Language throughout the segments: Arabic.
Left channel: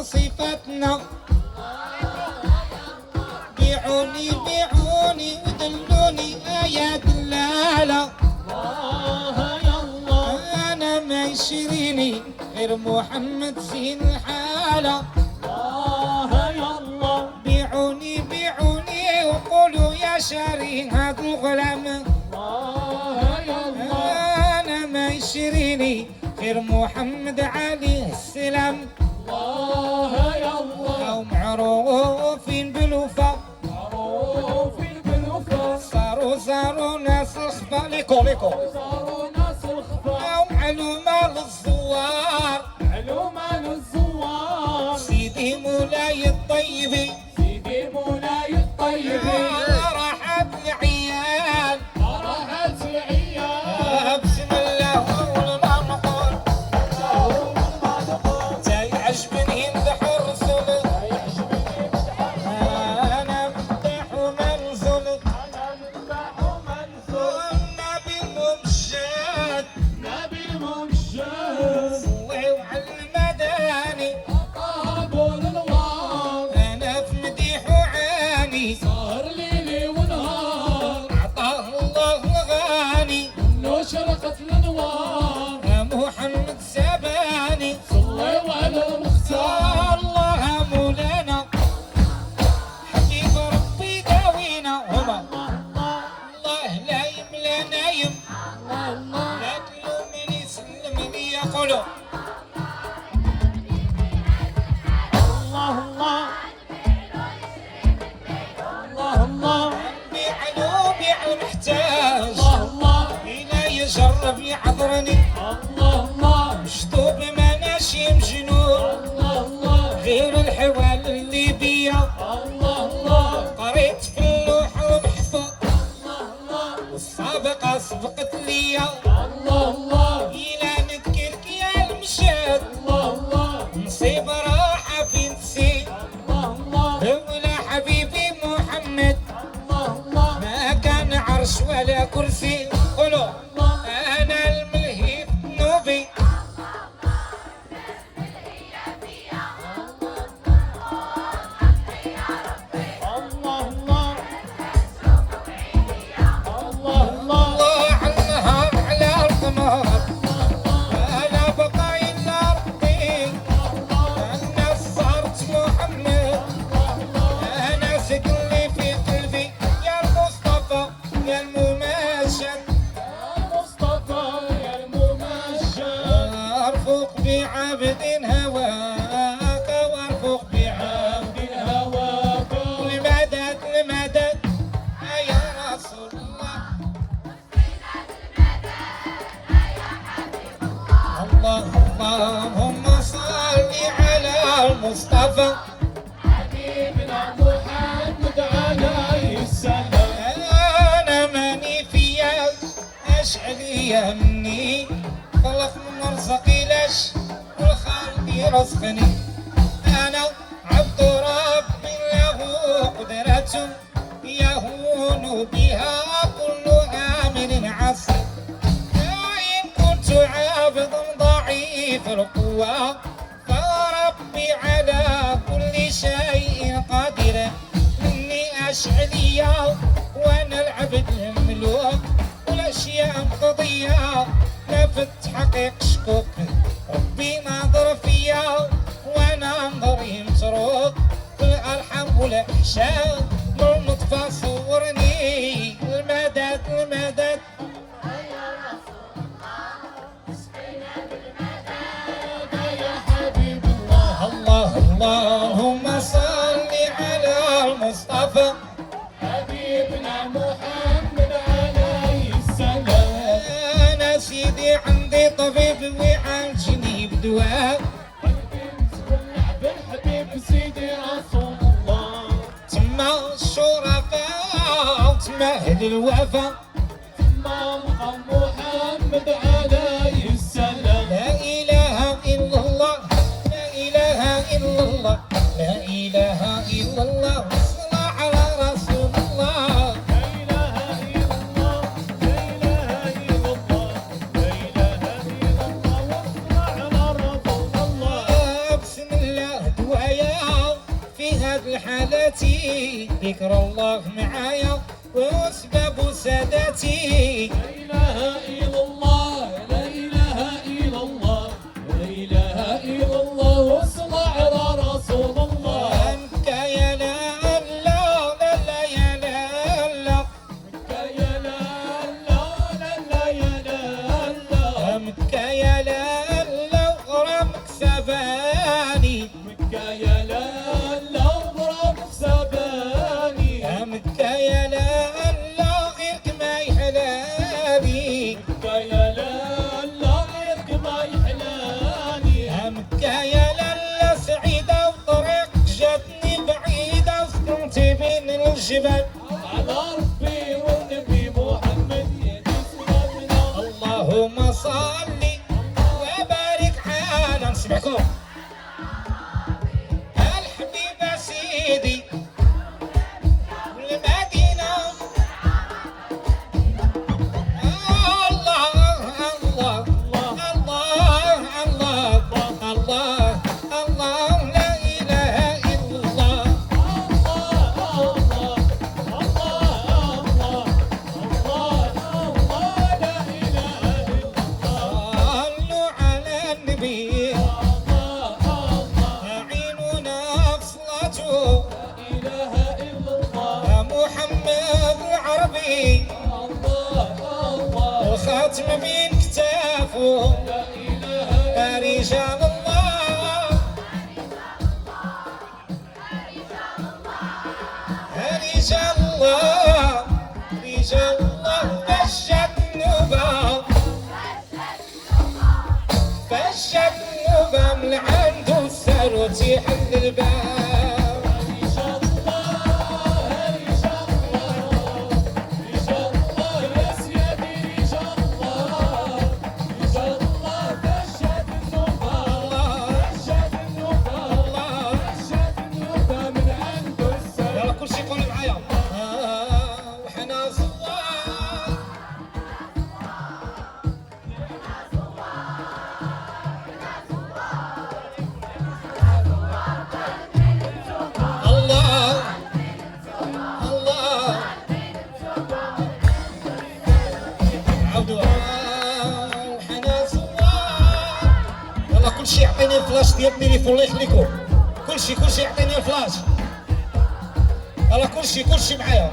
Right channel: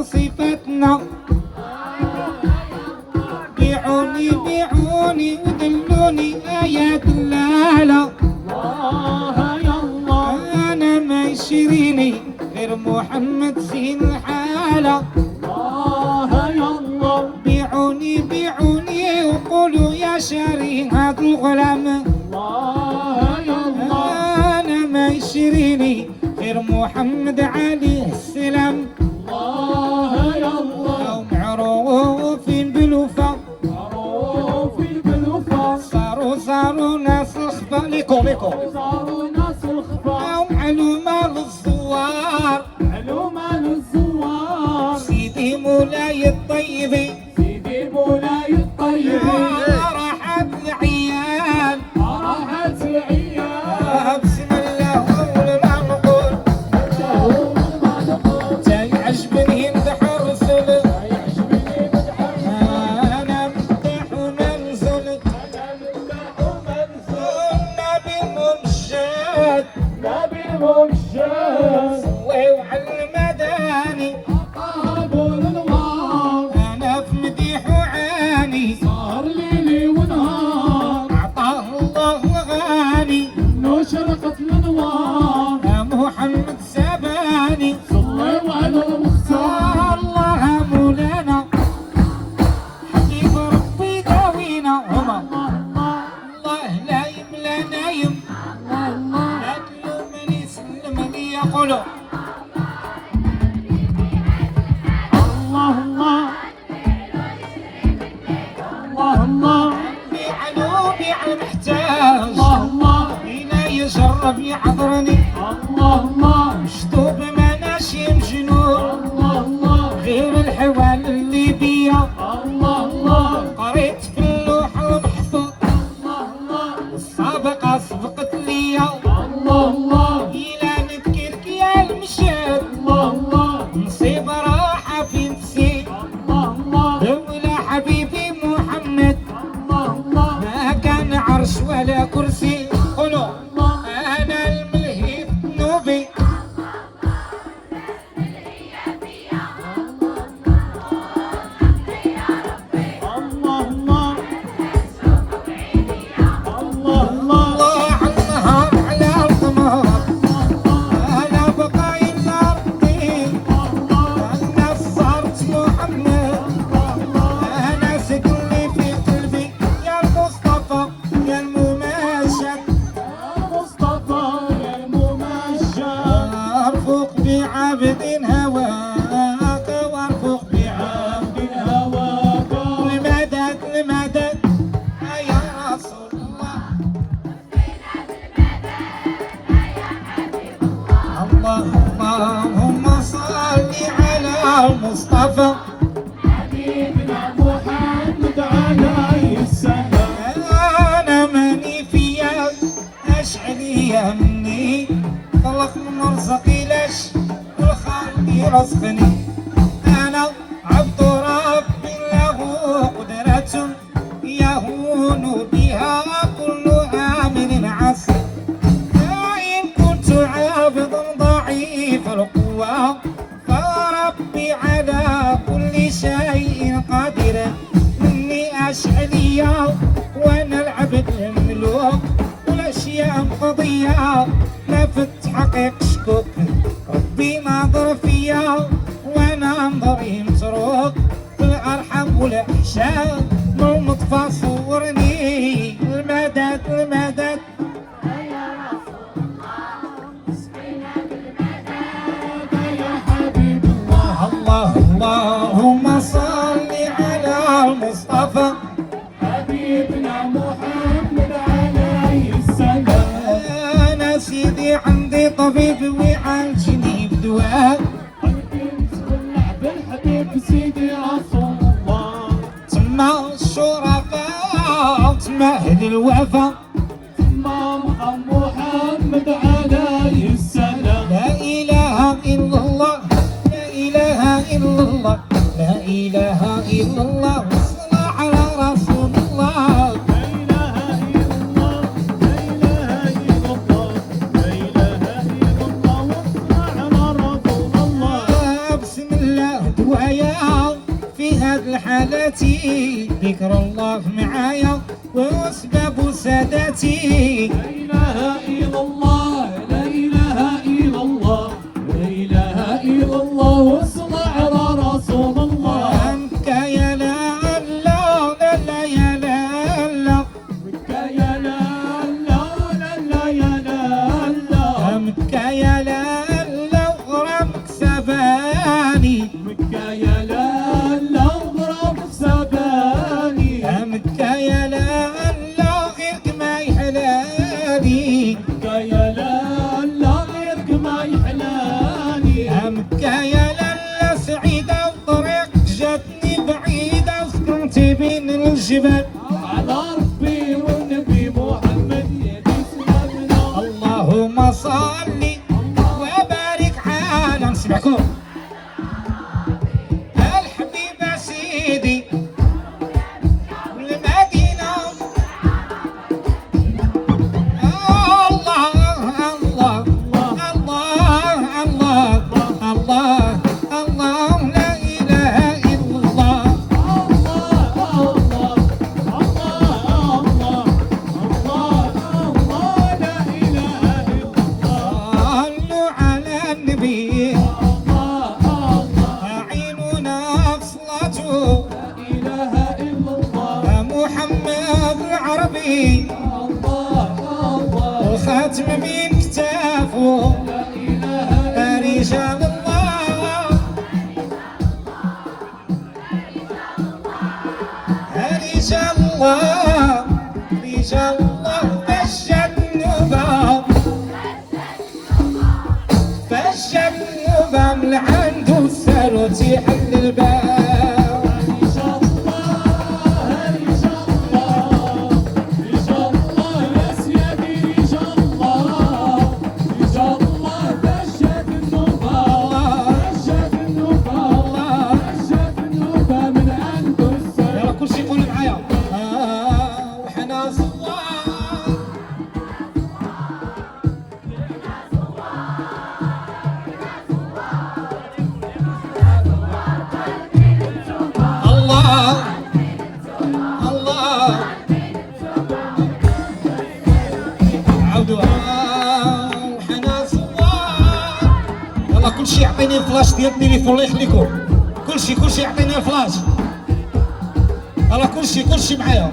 من صفاتنا. بيعوني بيعوني ودلوني يا دلالة. أنا ما يشريني غير محمد زين الحالة. بيعوني بيعوني وقولوا يا شاري هاد الغلام. أنا ما يشريني غير محمد عليه السلام. معروفين بالوفا، صاروا ناس الخفا ليكو معلومة للزوار. سيدي مولاي الطيب راحت العيال. بسم الله أمرنا نقول تعجبني يمدح الرسول. أنا مدح ومنزل النبي ممجد سويو على المداني. أنا في مديح وعاني صار ليلي ونهار أعطاه الله الغاني. شرقت الانوار يا محمد سباني صلوا على المختار. الله مولانا حبيب ربي داوينا. هما الله لا يملا نايم لا تلومني سلمني يقولوا بيعلومي على المحتاج. إلا يجرب يعذرني مشطوب مناشي مجنون. غير الحوال اللي بيا قريت في اللوح المحفوظ. السابقة سبقت ليا إلا نذكرك يا المشهد. نصيب راحة في نسيت ولا حبيبي محمد. ما كان عرش ولا كرسي. قولوا أنا الملهي في ذنوبي. الله عنها على القمر. أنا بقاي النار الناس صارت محمد. أنا سكني في قلبي يا المصطفى يا الممجد. أرفق بعبد هواك وأرفق بعبد هواك المدد المدد يا رسول الله. اللهم صل على المصطفى. حبيبنا محمد عليه السلام. أنا ماني فيا أشعرية مني خلق مرزقي لش والخالق يرزقني. أنا عبد ربي له قدرة يهون بها كل عامل عسر. وإن كنت عابدا ضعيف القوة فربي على كل شيء قادر. مني أشعرية وأنا العبد المملوك والأشياء مقضية ما في التحقيق شكوك. ربي ناظر فيا وأنا نظري متروك في الأرحام والأحشاء والمطفى صورني. المدد المدد يا حبيب الله. اللهم صل على المصطفى. حبيبنا محمد عليه السلام. أنا سيدي عندي طبيب ويعالجني بدواء. بالحبيب سيدي رسول الله. تما الشرفاء تما أهل الوفا. إمام محمد عليه السلام. لا إله إلا الله لا إله إلا الله لا إله إلا الله. والصلاة على رسول الله. لا إله إلا الله لا إله إلا الله لا إله إلا الله والصلاة على رسول الله. بسم الله دوا الحالاتي ذكر الله معايا وأسباب ساداتي. لا إله إلا الله لا إله إلا الله لا إله إلا الله والصلاة على رسول الله. مكة يا لا لا لا يا لا لا مكة يا لا لا لا يا لا لا مكة يا لا لا غرامك سباني. مكة يا لا لا غرامك سباني. مكة يا لا لا غيرك ما يحلاني. مكة يا لا لا غيرك ما يحلاني. مكة يا لا لا سعيدة وطريق جاتني بعيدة وسكنتي بين الجبال. على ربي والنبي محمد يدي سلامنا. اللهم صل وبارك على نسمعكم الحبيب سيدي المدينة. الله الله الله الله الله الله لا إله إلا الله. صلوا على النبي أعيننا صلاته محمد العربي والخاتم من كتافه رجال الله رجال الله رجال الله فالجنوبة من عنده الثالوث حل الباب. يلا كل شي يقول معايا وحنا صلاة. الله الله عودوها وحنا صلاة. يلا كل شي يعطيني الفلاش ديال التليفون الله يخليكم. كل شي يعطيني الفلاش. يلا كل شي معايا.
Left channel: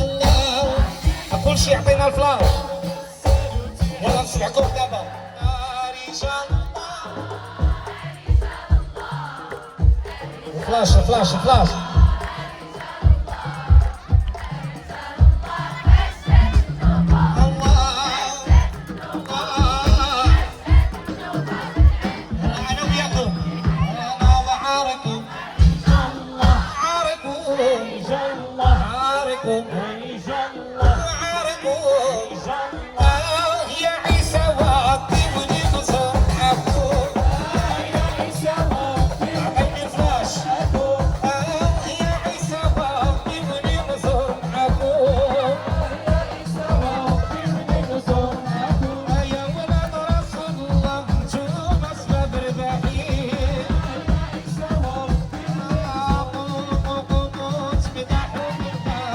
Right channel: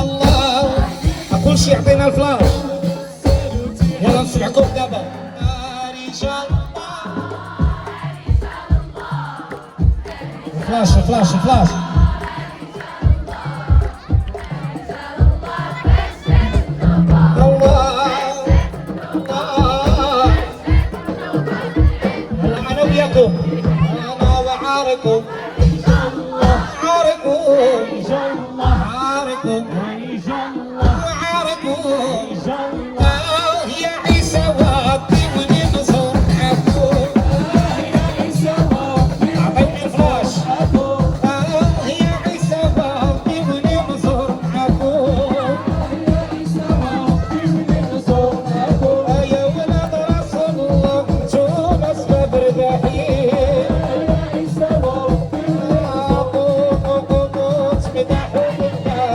الله كل شي يعطينا الفلاش. يلا نسمعكم دابا رجال الفلاش. الله انا وياكم انا وعاركم عاركم يا عيسى ودي وننصر حكوم. اعطيني الفلاش. يا عيسى ودي وننصر حكوم. يا ولد رسول الله انتم اسباب الرحيل. قوموا تمدحوا بالله.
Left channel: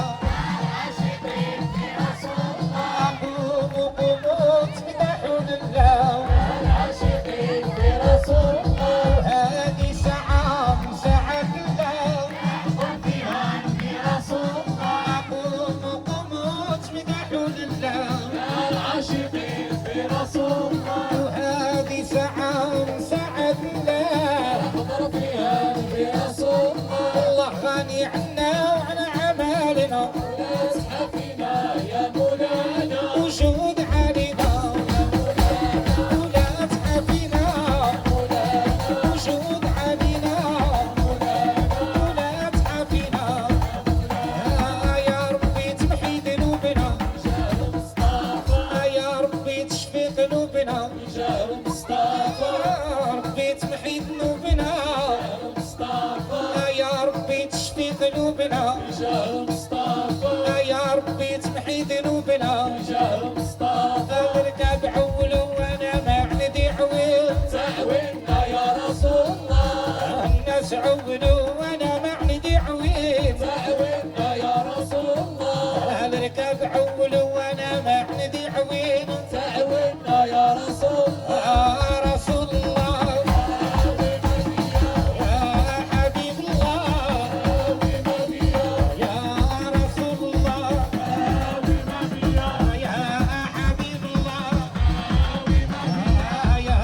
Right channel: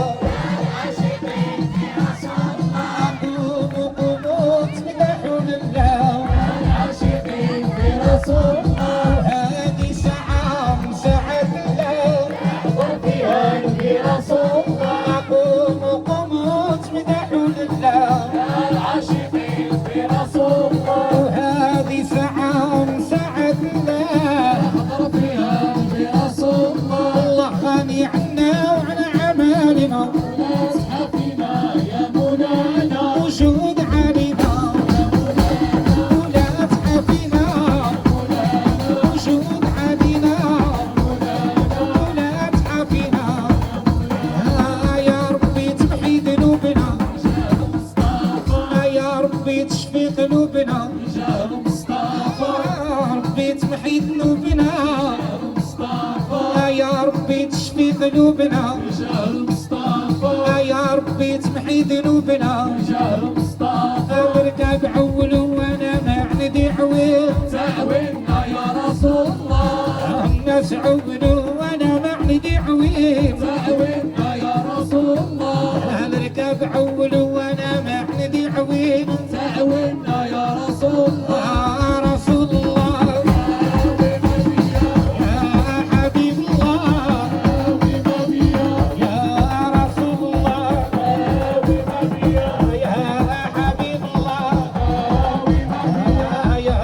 قوموا تمدحوا بالله. هذه ساعة من ساعات الله. قوموا تمدحوا لله. هذه ساعة من ساعات الله. الله غني عنا وعن أعمالنا وجود علينا. لا تحافينا وجود علينا. لا تحافينا يا ربي تمحي ذنوبنا. يا ربي تشفي قلوبنا. ربي تمحي ذنوبنا. يا ربي تشفي قلوبنا. يا ربي تمحي ذنوبنا. ورقة بعول وانا ما عندي عويل. تعوينا يا رسول تعولوا وانا ما عندي عويل تعوينا يا رسول الله نركب عولوا وانا ما عندي عويل تعوينا يا رسول الله يا رسول الله يا حبيب الله يا رسول الله يا حبيب الله يا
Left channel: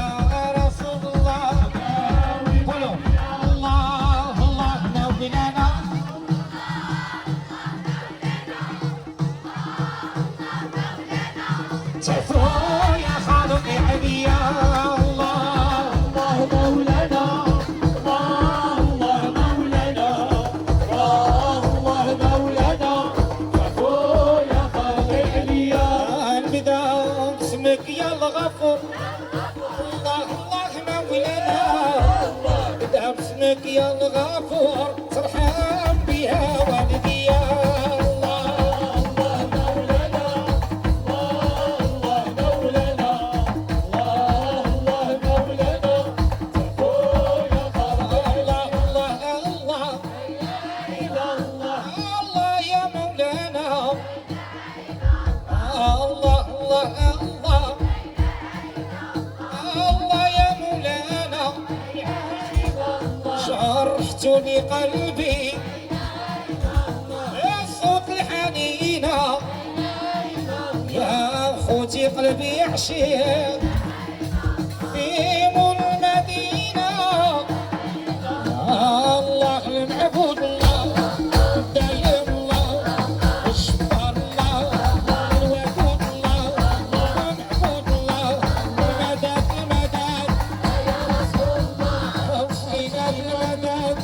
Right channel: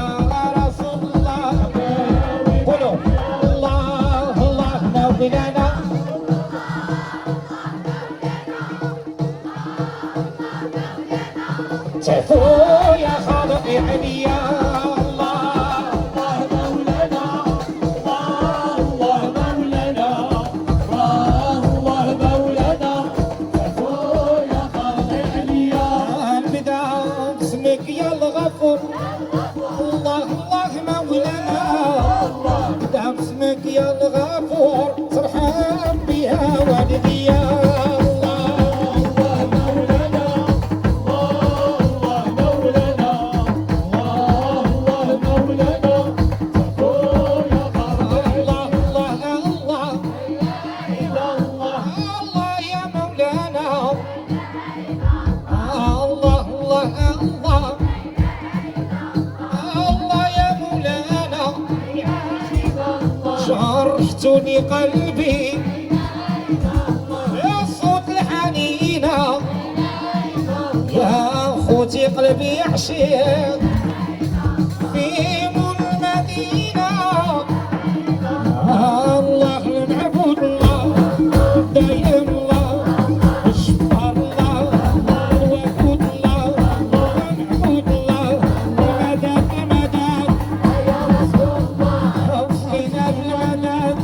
رسول الله قولوا الله الله نبي لنا تعفوا يا خالقي عليا الله مولانا الله مولانا الله مولانا عفو يا خالق عليا البدا باسمك يا الغفور الله الله مولانا بدا باسمك يا الغفور ترحم بها والديا شرحتني قلبي يا صوت الحنينة يا خوتي قلبي عشيق في مول المدينة الله المعبود الله دايم الله الشبار الله الودود الله المعبود الله مدد المدد وصلنا بالمدد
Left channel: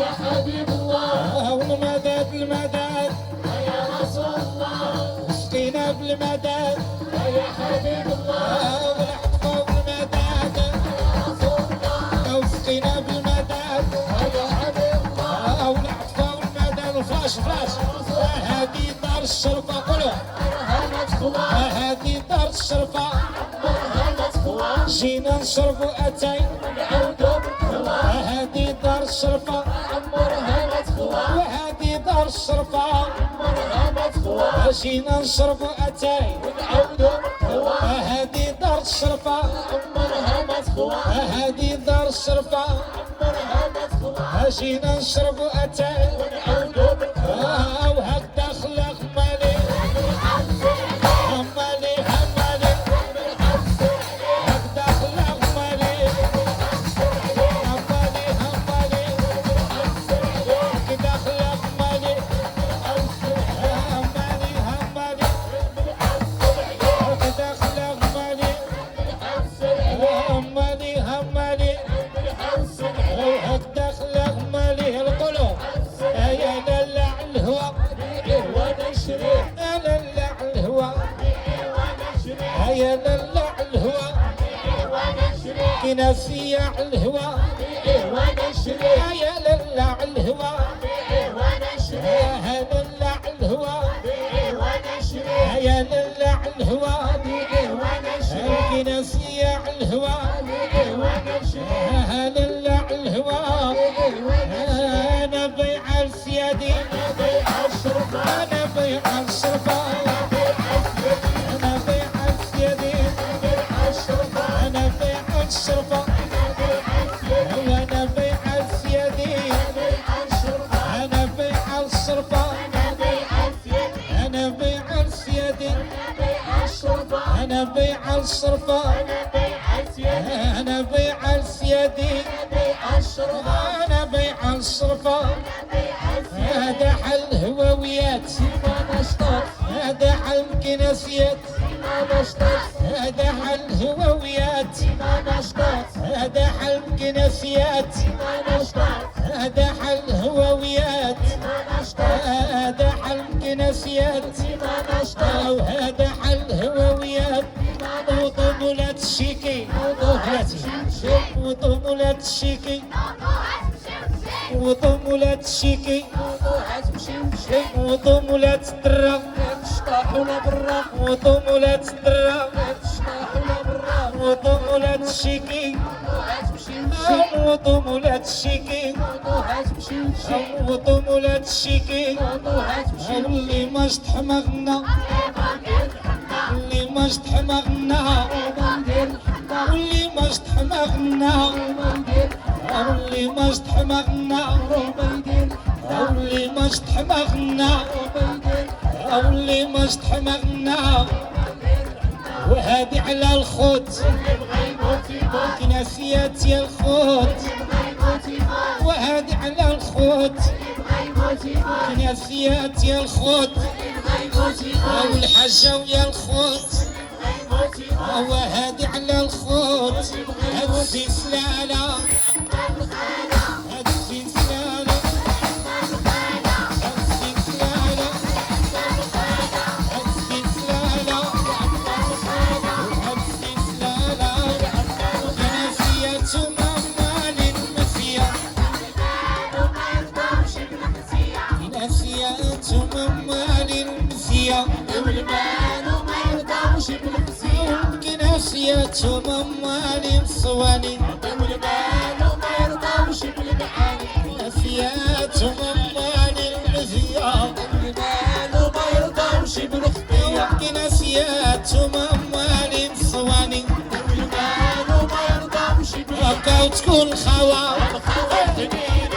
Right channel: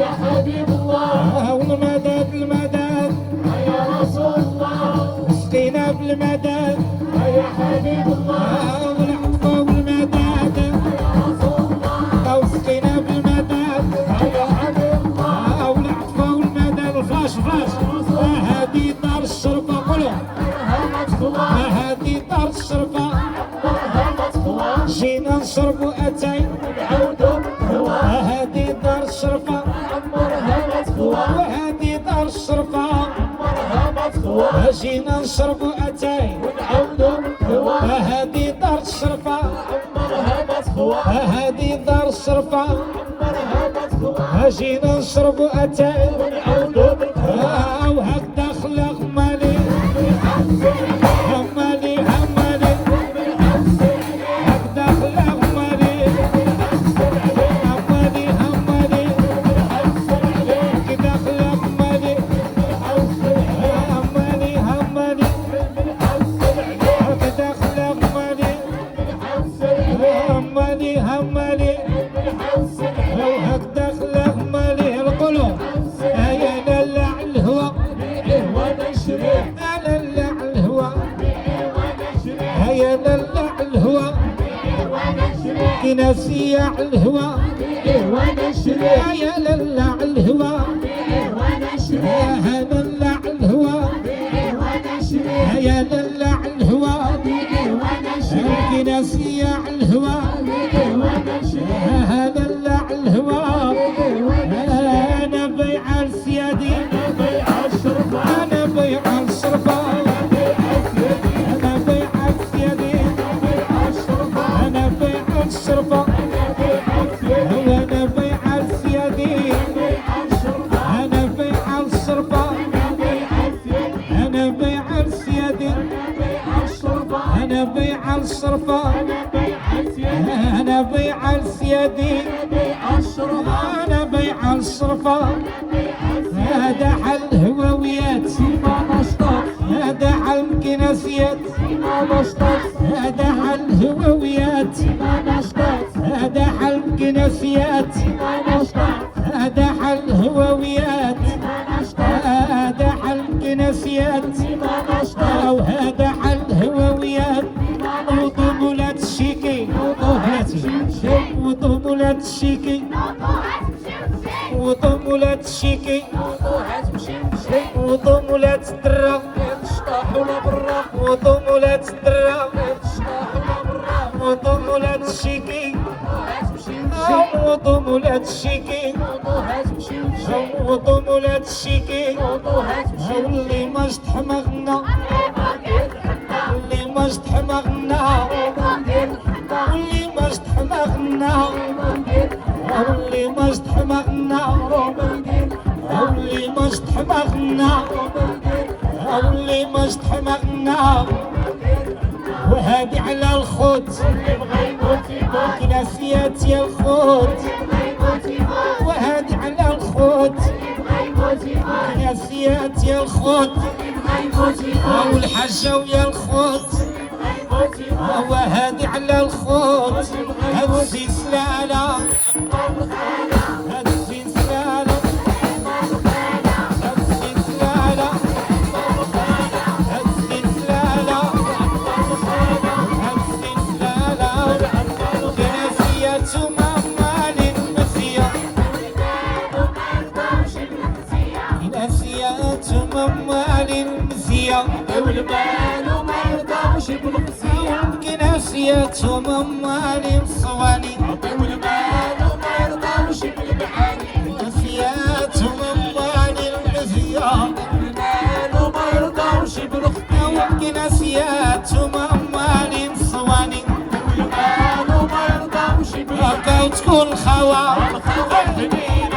يا حبيب الله والمدد المدد يا رسول الله وصلنا بالمدد يا حبيب الله والعطف والمدد وصلنا بالمدد يا حبيب الله والعطف والمدد فلاش فلاش هذه دار الشرفة قولوا هذه دار الشرفة جينا نشربوا أتاي هذه دار الشرفة وهذه دار الشرفة جينا نشربوا أتاي هذه دار الشرفة هذه دار الشرفة جينا نشربوا أتاي وهكذا خلق مالي همالي همالي هكذا خلق مالي همالي همالي هكذا خلق مالي همالي همالي هكذا خلق مالي همالي همالي هكذا خلق مالي القلوب يا دلع الهوى يا دلع الهوى يا دلع الهوى كناسي على الهوى يا دلع الهوى يا دلع الهوى يا دلع الهوى كناسي على الهوى يا دلع الهوى انا بيع السيادي انا بيع الشرفه انا بيع السيادي انا بيع الشرفه انا بيع السيادي انا بيع الشرفه انا بيع السيادي انا بيع الشرفه انا بيع السيادي انا بيع الشرفه هذا حل الهواويات هذا حل الكناسيات هذا حل الهواويات هذا حل الكناسيات هذا حل الهواويات هذا حل الكناسيات او هذا حل الهواويات وطمولات الشيكي وطمولات الشيكي وطمولات الشيكي وطمولات الدرة وطمولات الدرة وطمولات الشيكي وطمولات الشيكي واللي ما جد حماغنا واللي ما جد حماغنا واللي ما جد حماغنا واللي ما جد حماغنا واللي ما جد حماغنا واللي ما جد حماغنا وهادي على الخوت كناسيات يا الخوت وهادي على الخوت كناسيات يا الخوت والحجة ويا الخوت وهادي على الخوت هاد السلسلة هاد السلسلة هاد السلسلة هاد السلسلة هاد السلسلة كناسيات ومعمال المسيا كناسيات ومعمال المسيا والبال ما يرضاوش بالمسيا كناسيات ومعمال الصواني والبال ما يرضاوش بالمعاني كناسيات ومعمال المسيا والبال ما يرضاوش بالخطية كناسيات ومعمال الصواني والبال ما يرضاوش بالمعاني كاين تكون خوا الخوات كبيرة